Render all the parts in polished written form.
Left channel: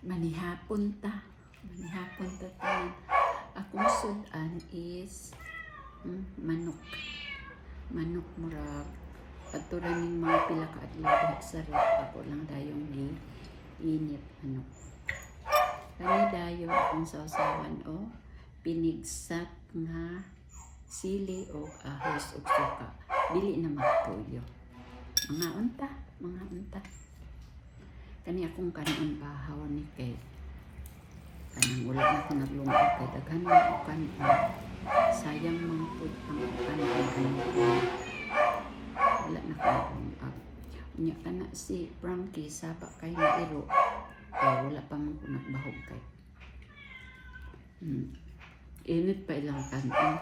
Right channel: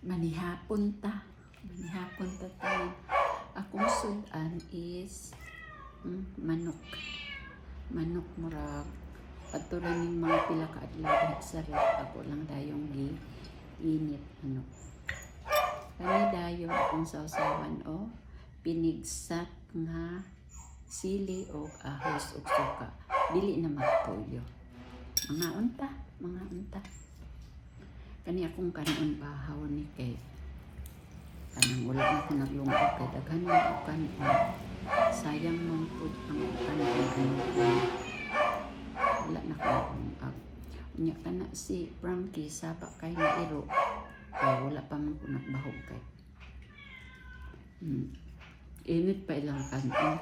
Manihapon ta. Manihapon ta tanan. Akong sudan is manok. Manok murag adto ra ning mga pila ka adlaw diha sa rep. Ako lang dayong gi init manok. Kani dayon akong sausawan o pinigsat nga sili o ahos o suka. Dili na magtuyo. Mga unta. Kani akong kanon bahaw ni kay kanang wala na ko naglungag kay daghan man o kanon. Sayang man pud ang kanon. Wala na ko naglungag. Unya kana si Frankie saba kay na iro kay wala pa man ko nagbahog kay. Init pa ilang kanon.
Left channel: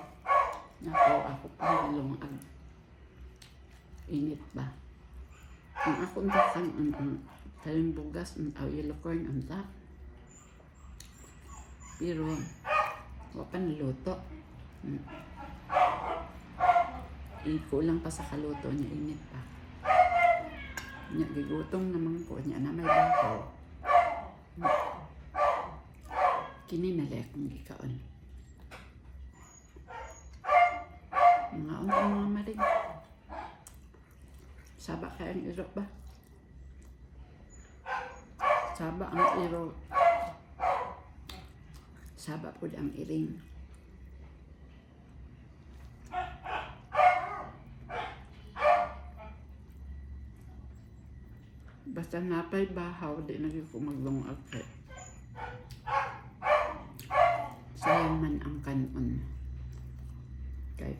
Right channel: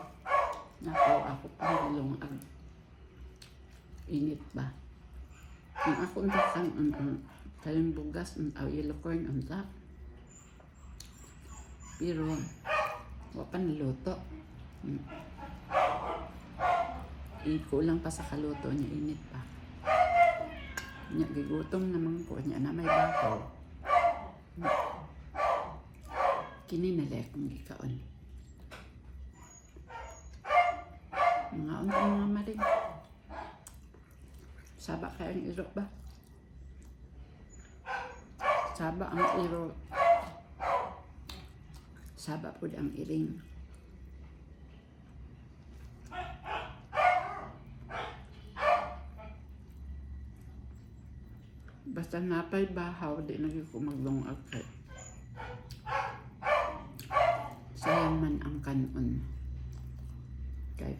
Ako pa naglungag. Init ba? Ang ako unta kanon kaling bugas o yellow corn unta. Pero wa pa naluto. Ikulang pa sa kaluto niya, init pa. Nya gigutom naman ko niya na may bahaw. Kini na lek kung gikaon. Mga unta mga maring. Saba kaya ang iro ba? Saba ang iro. Saba po ang iring. Basta napay bahaw, di naging ko maglungag kay. Sayang man ang kanon. Kay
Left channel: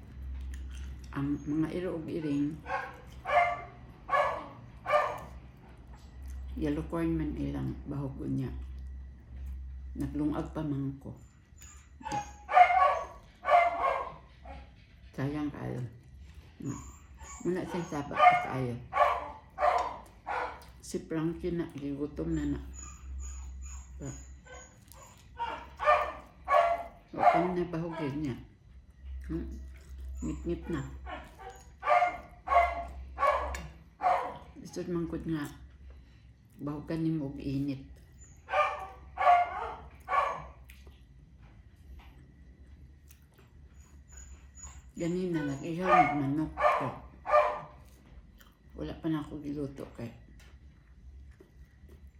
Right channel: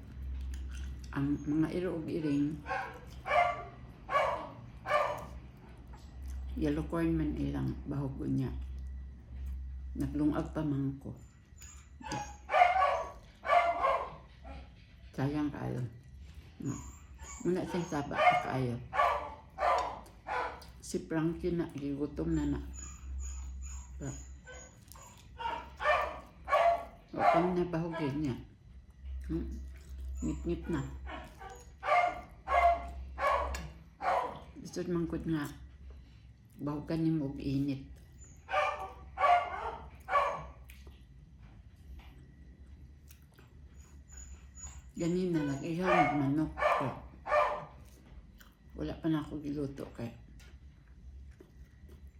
ang mga iro ug iring yellow corn man ilang bahog niya. Naglungag pa man ko. Sayang kayo. Muna siyang saba kayo. Si Frankie na, gigutom na. O kami na bahogin niya. Ngip-ngip na. Gusto mangkod nga. Bahugan ni mo init. Ganina nag-ihaw ng manok. Wala pa na ako giluto kay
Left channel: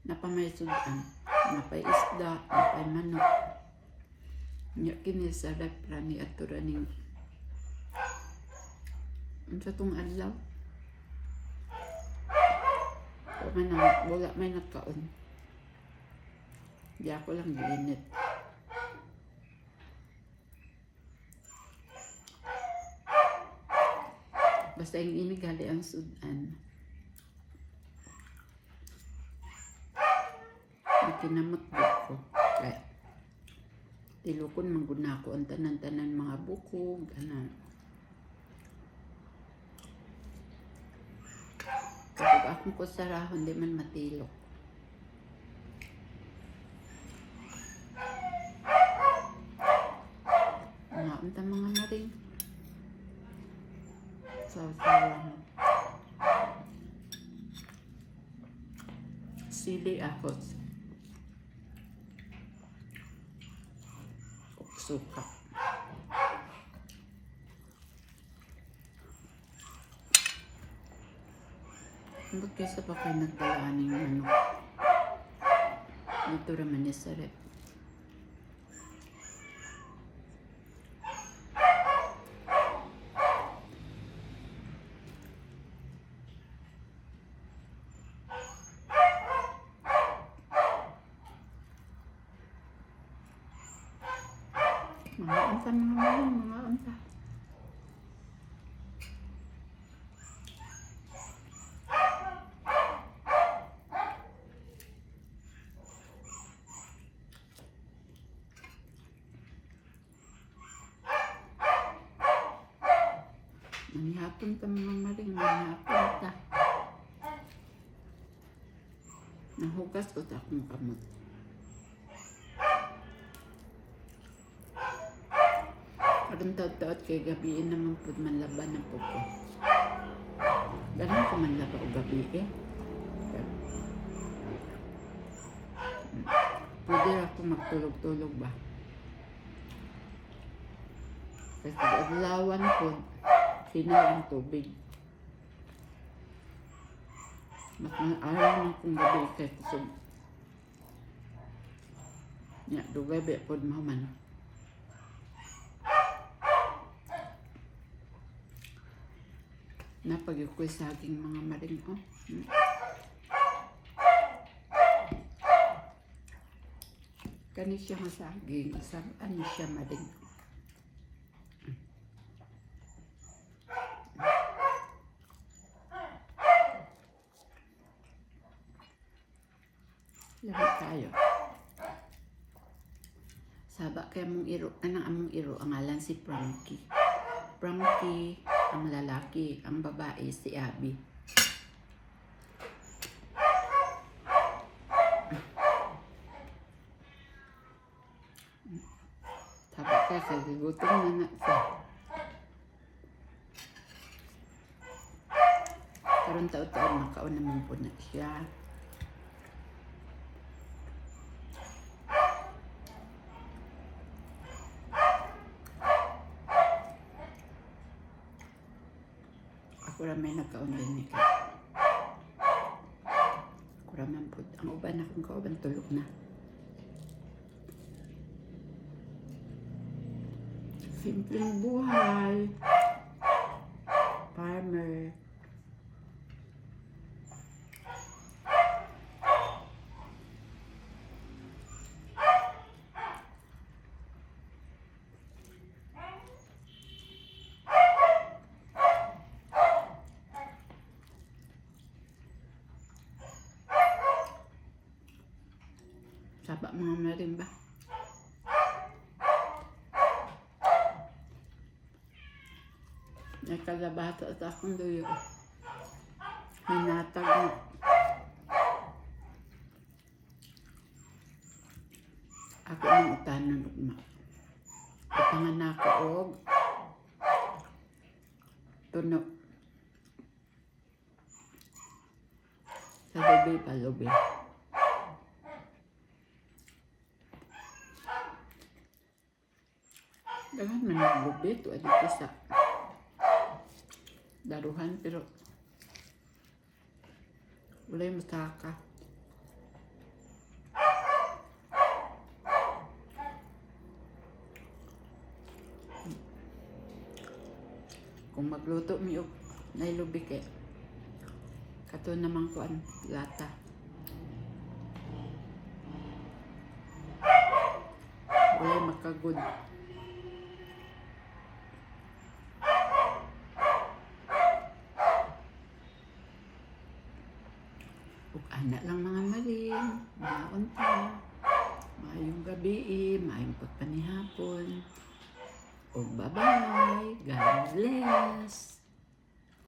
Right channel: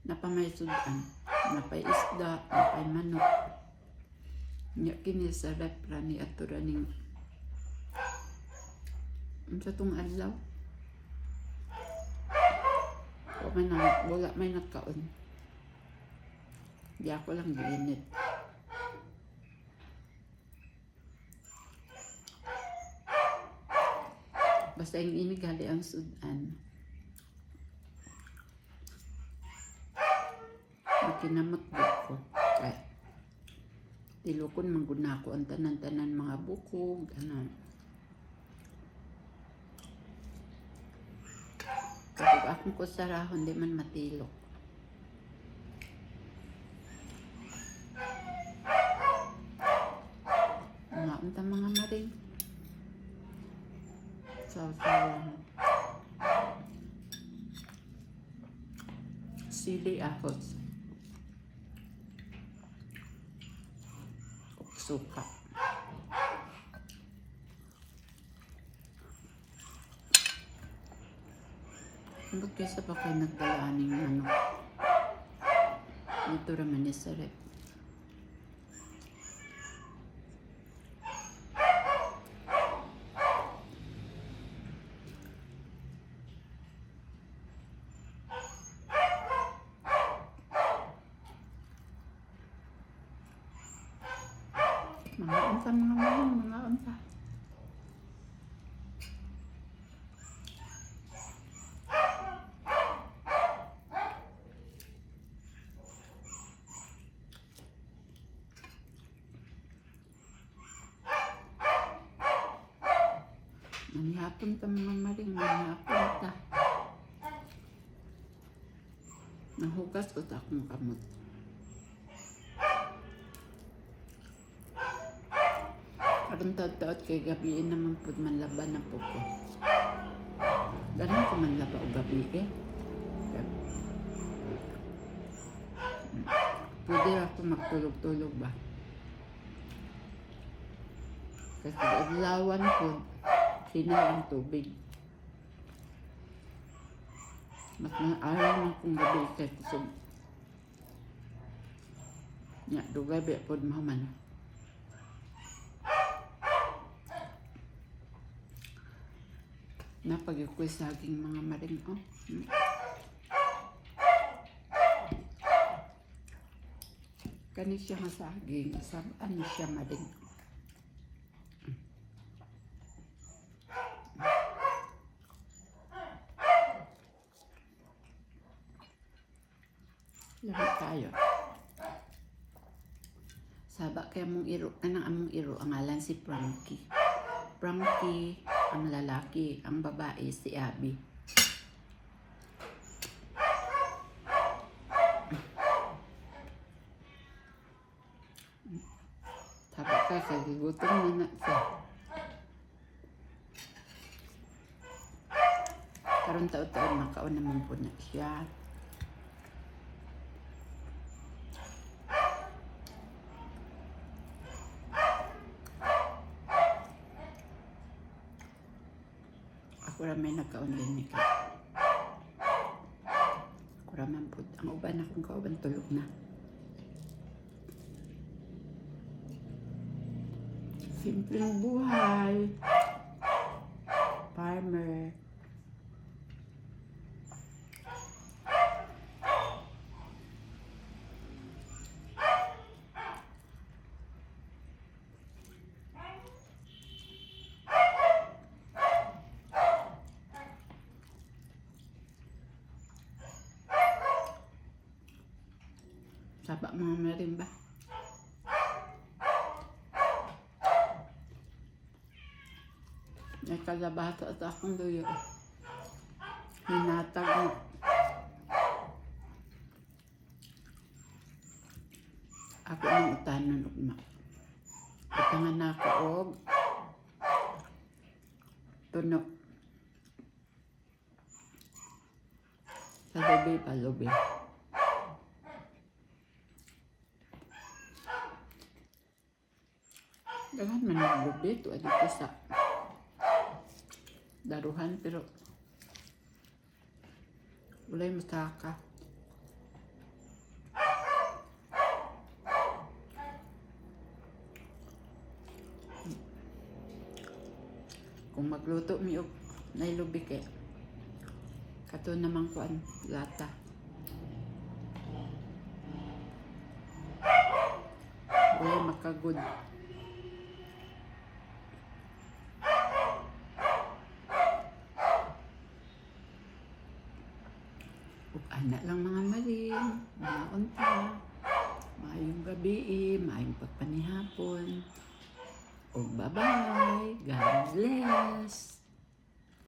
napamay sudan, napay isda, napay manok. Nya kini sa repra ni ato raning unsa tong adlaw. Wala may nagkaon. Di ako lang giinit. Basta yung inigali ang sudan. Makinamot ko. Kaya tilukon mangguna ko ang tanan-tanan mga bukog. Kapag akong kusarahon, di man matilok. Unta mga maring. Sausawan. Sili ahos. Suka. Hanggang kaysa pa kayo nagdalaan ng manok. Dito raman ni sarap. Mga unta. Manihapon ta mga maring, manihapon ta. Nahugas ko ta akong kamot. Karong taot-taot kay gabiin naman po manlaban na po ko. Ganun ko manlaba o gabi eh. pwede ako magtulog-tulog ba? Kasi adlawan po, sinaw ang tubig. Mas araw lang kung gabi kay kusog. Nya, dugay ba po mahuman. Napag-ukoy saging mga maring, oh. Kani siya nga saging, ano siya maring. Lahat tayo. Saba kay among iro, anang among iro, ang ngalan si Frankie. Frankie, ang lalaki, ang babae, si Abby. Saba kay kagigutom na siya. Karon taon-taon makaon naman po na siya. Ako ramay nagkaon din ni ka. Ako raman po. Ang uban akong kauban tulog na. Simpleng buhay. Farmer. Saba mga marimba. Nagkalabata at akong duyo. Hinatag na. Ako ang utanan ugma. Utangan ako og tunog. Sa lubi pa lubi. Dagan man naglubi to adito sa daruhan pero walay masaka. Kung magluto mi og nailubi kay kato namang kuan lata. Walay makagud. Anak lang mga maling, mga unta, maayong gabi, maayong pagpanihapon. O bye-bye, God bless.